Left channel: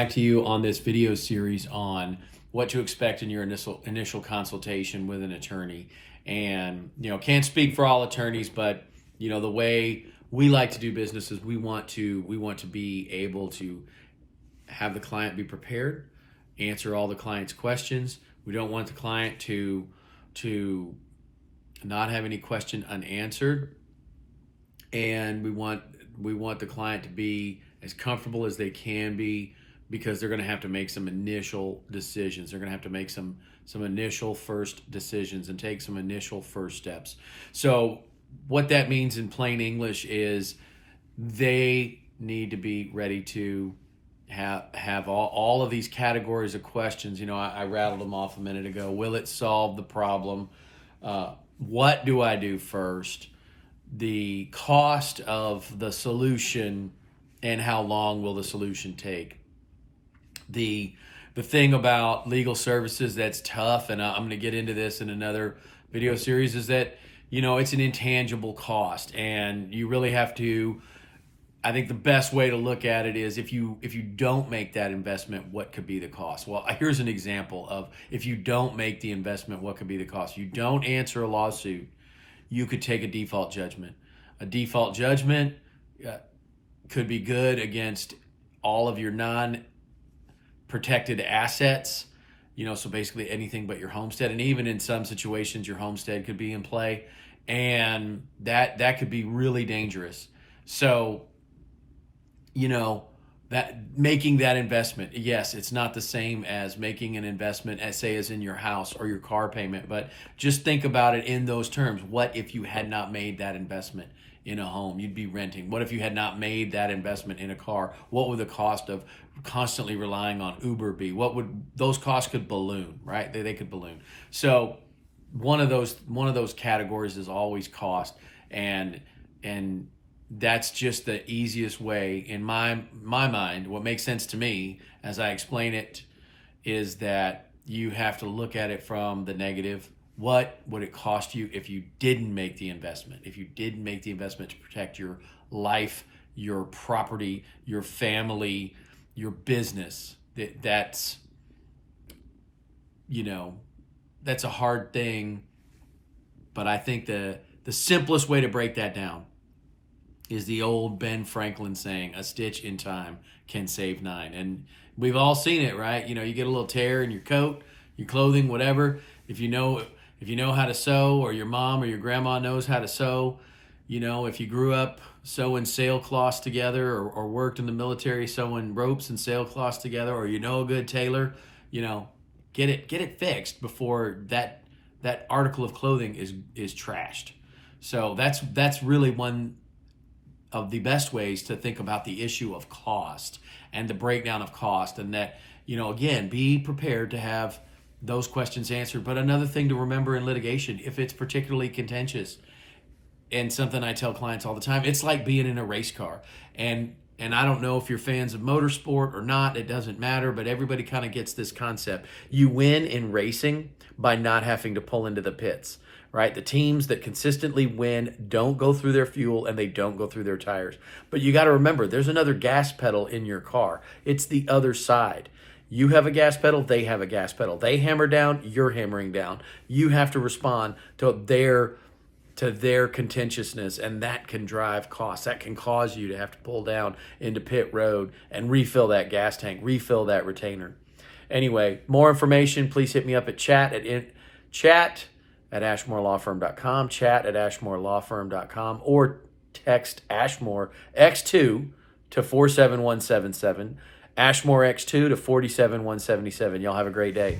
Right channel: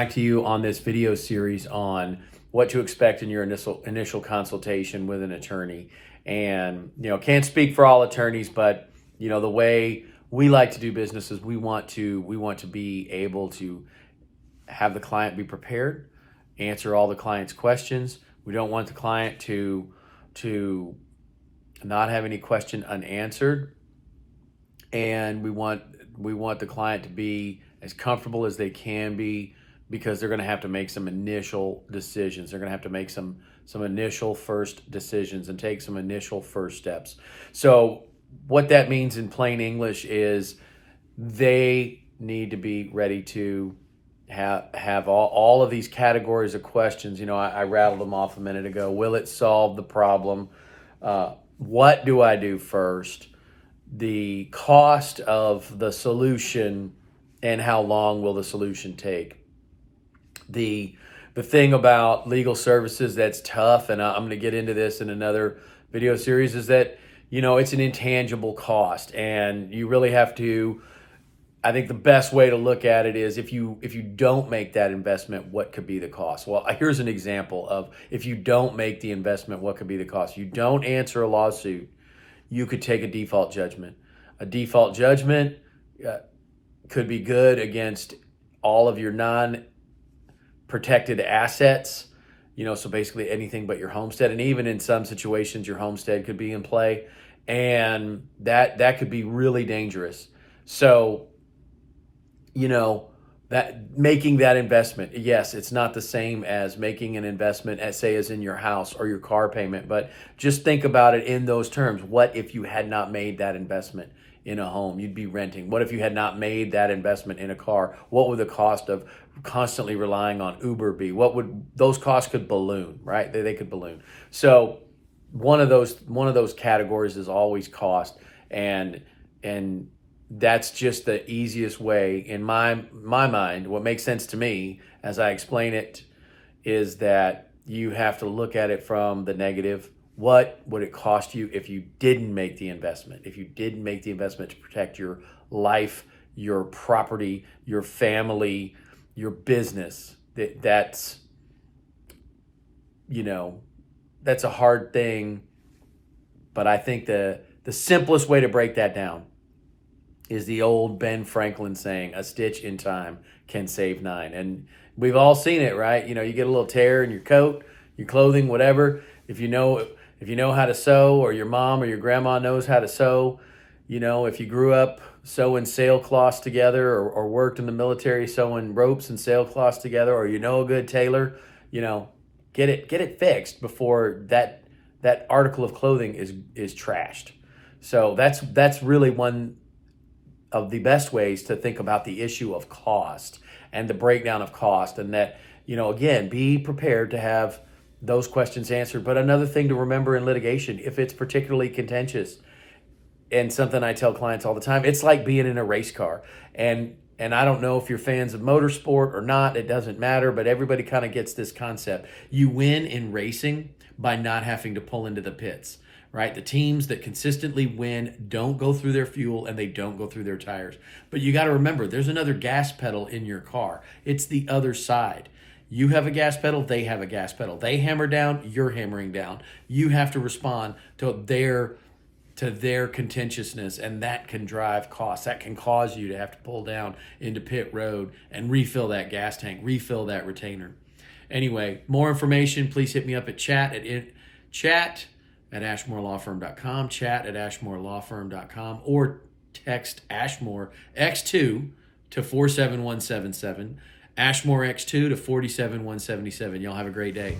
back to you on this video series on what to expect in your initial consultation with an attorney. And, can't speak for all attorneys, but, the way we like to do business is we want to be able to have the client be prepared, answer all the client's questions. We don't want the client to not have any question unanswered. And we want the client to be as comfortable as they can be, because they're going to have to make some initial decisions. They're going to have to make some initial first decisions and take some initial first steps. So what that means in plain English is they need to be ready to have all of these categories of questions. I rattled them off a minute ago. Will it solve the problem? What do I do first? The cost of the solution, and how long will the solution take? The thing about legal services that's tough, and I'm going to get into this in another video series, is that, it's an intangible cost, and you really have to, I think the best way to look at it is if you don't make that investment, what could be the cost? Well, here's an example of if you don't make the investment, what could be the cost? You don't answer a lawsuit, you could take a default judgment. A default judgment could be good against all of your non-protected assets, so basically anything but your homestead. And even in some situations, your homestead could be in play, and that could be really dangerous. So, that making that investment, yes, it's not the same as making an investment as in your house or your car payment, but just think about it in those terms. What if you had not made that investment in a home? You'd be renting. What if you had not made that investment in a car? What would the cost of constantly relying on Uber be? Those costs could balloon, right? They could balloon. So one of those categories is always cost, and that's just the easiest way in my mind. What makes sense to me as I explain it is that you have to look at it from the negative. What would it cost you if you didn't make the investment? If you didn't make the investment to protect your life, your property, your family, your business? That's a hard thing, but I think the simplest way to break that down is the old Ben Franklin saying, a stitch in time can save 9. And we've all seen it, right? You get a little tear in your coat, your clothing, whatever. If you know how to sew, or your mom or your grandma knows how to sew, if you grew up sewing sailcloths together, or worked in the military sewing ropes and sailcloths together, or a good tailor, get it fixed before that article of clothing is trashed. So that's really one of the best ways to think about the issue of cost and the breakdown of cost, and that, again, be prepared to have those questions answered. But another thing to remember in litigation, if it's particularly contentious, and something I tell clients all the time, it's like being in a race car. And I don't know if you're fans of motorsport or not, it doesn't matter, but everybody kind of gets this concept. You win in racing by not having to pull into the pits, right? The teams that consistently win don't go through their fuel, and they don't go through their tires. But you got to remember, there's another gas pedal in your car. It's the other side. You have a gas pedal, they have a gas pedal. They hammer down, you're hammering down. You have to respond to their contentiousness, and that can drive costs. That can cause you to have to pull down into pit road and refill that gas tank, refill that retainer. Anyway, more information, please hit me up at chat at ashmorelawfirm.com, chat at ashmorelawfirm.com, or text Ashmore X2 to 47177, Ashmore X2 to 47177. Y'all have a great day.